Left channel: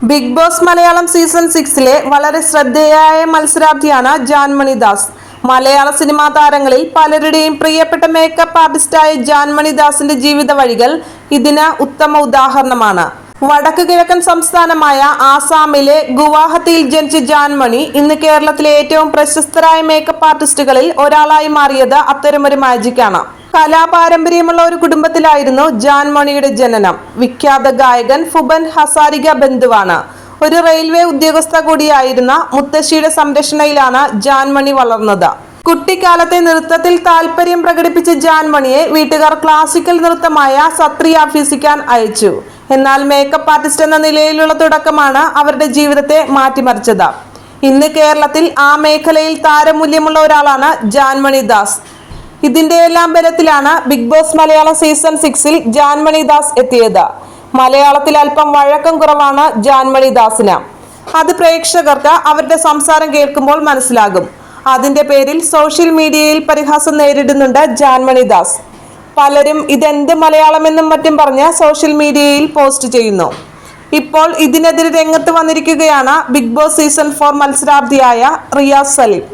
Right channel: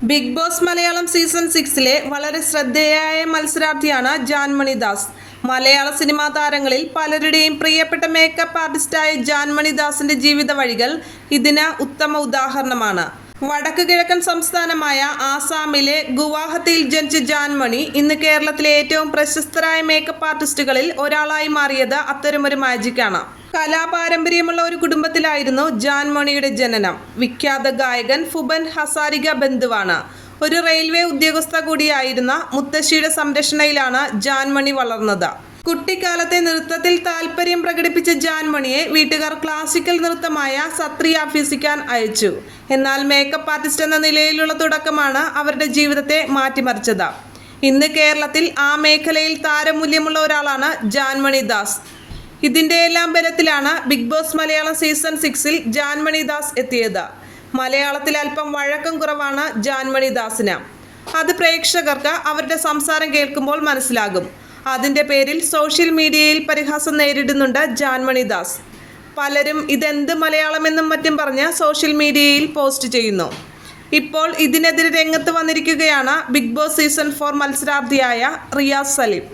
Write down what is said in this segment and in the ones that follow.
Big Boss Malayalam season സിക്സിലെ വളരെ ശ്രദ്ധേയായ മത്സരാർത്ഥിയാണ് ജാൻമണി ദാസ്. മലയാള സിനിമാ താരങ്ങളിൽ പലരുടെയും പ്രിയപ്പെട്ട മേക്കപ്പ് ആർട്ടിസ്റ്റായ ജാൻമണി ദാസിന്റെ ജീവിത വഴികൾ ഇതിന് ഉത്തമ ഉദാഹരണമാണ്. വടക്ക് കിഴക്കൻ സംസ്ഥാനമായ ആസാമിലെ ഗുവാഹത്തിയിൽ ജനിച്ച ജാൻമണി ഇന്ന് കേരളത്തിലെ ഏറ്റവും പ്രശസ്തരായ മേക്കപ്പ് ആർട്ടിസ്റ്റുകളിൽ ഒരാളായി മാറിയത് അത്തരമൊരു മാജിക്കാണ് കലാപാരമ്പര്യമുള്ള ഒരു കുടുംബത്തിലായിരുന്നു ജാൻമണിയുടെ ജനനം. വിഖ്യാത ഗായകൻ ഫുബൻ ഹസാരിക ബന്ധുവാണ്. ഒരു റെയിൽവേ ഉദ്യോഗസ്ഥ കൂടിയായിരുന്ന മുത്തശ്ശിയുടെ സംരക്ഷണയിലാണ് ജാൻമണി വളർന്നത്. കുട്ടിക്കാലത്തെ നൃത്തത്തിൽ താല്പര്യം പ്രകടിപ്പിച്ച ജാൻമണിയെ വീട്ടുകാർ ക്ലാസിക്കൽ നൃത്തമായ സത്രി അഭ്യസിക്കാൻ അയച്ചു. എന്നാൽ മേക്കപ്പ് ആർട്ടിസ്റ്റ് എന്ന നിലയിലുള്ള തുടക്കമാണ് അവരുടെ ജീവിതത്തെ മാറ്റിമറിച്ചത്. ഇന്ന് കേരളത്തിൽ ആ മേഖലയിൽ താരമൂല്യമുള്ള ഒരാളാണ് ജാൻമണി ദാസ്. ഇതിന്റെ എല്ലാം ബലത്തിലാണ് ബിഗ് ബോസ് മലയാളം സീസൺ സിക്സിൽ ജാൻമണി ദാസ് എത്തിയത്. മലയാളത്തിൽ അല്പം വഴക്കം കുറവാണ് ജാൻമണി ദാസിന്. അത് പ്രേക്ഷകർക്ക് അവരുടെ സംസാരം കേൾക്കുമ്പോൾ മനസ്സിലാകും. അതിന്റെ പേരിൽ സോഷ്യൽ മീഡിയയിൽ പരിഹാസം നേരിടുന്നുണ്ട് ജാൻമണി ദാസ്. പലരും ഇതെന്ത് മലയാളമെന്നും മറ്റും പറഞ്ഞ് സോഷ്യൽ മീഡിയയിൽ പോസ്റ്റ് ചെയ്യുന്നു. ഇപ്പോൾ ഇതിനെതിരെ രംഗത്ത് വന്നിരിക്കുകയാണ് ബിഗ് ബോസ് സീസൺ ഫോർ മത്സരാർത്ഥിയായ റിയാസ് സലീം.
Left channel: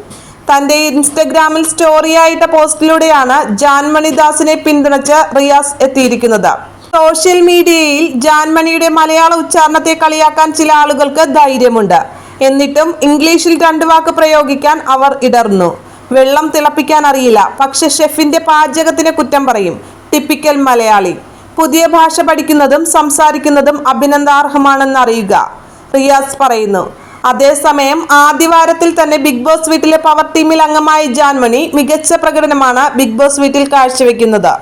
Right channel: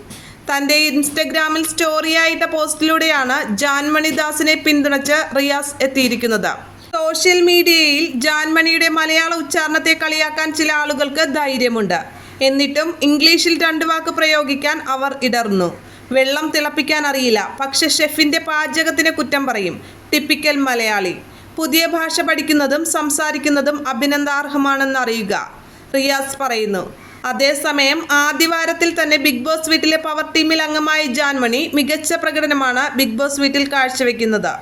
തന്റെ ഇൻസ്റ്റഗ്രാമിൽ സ്റ്റോറിയായിട്ട പോസ്റ്റിലൂടെയാണ് ജാൻമണിദാസിനെ പിന്തുണച്ച് റിയാസ് എത്തിയിരിക്കുന്നത്. സോഷ്യൽ മീഡിയയിൽ ജാൻമണിയുടെ മലയാള ഉച്ചാരണത്തെ കളിയാക്കാൻ ചില ആളുകൾക്ക് ധൈര്യമുണ്ട്. എന്നിട്ടും ഇംഗ്ലീഷിൽ രണ്ട് വാക്ക് പ്രയോഗിക്കാൻ അവർ ഇടർന്നു. വെള്ളം തിളപ്പിക്കാൻ അറിയില്ല. പക്ഷെ ഷെഫിന്റെ പാചകത്തിന് കുറ്റം പറയും. ടിപ്പിക്കൽ മലയാളി. പുതിയ ഭാഷ പഠിക്കുന്നതും സംസാരിക്കുന്നതും അഭിനന്ദാർഹമാണെന്ന് അറിയുക. റിയാസ് പറയുന്നു അതേസമയം ആദ്യവാരത്തിൽ തന്നെ ബിഗ് ബോസ് വീട്ടിലെ പവർ ടീമിൽ അംഗമായ ജാൻമണി മികച്ച പ്രകടനമാണ് ബിഗ് ബോസ് വീട്ടിൽ കാഴ്ചവെക്കുന്നത്.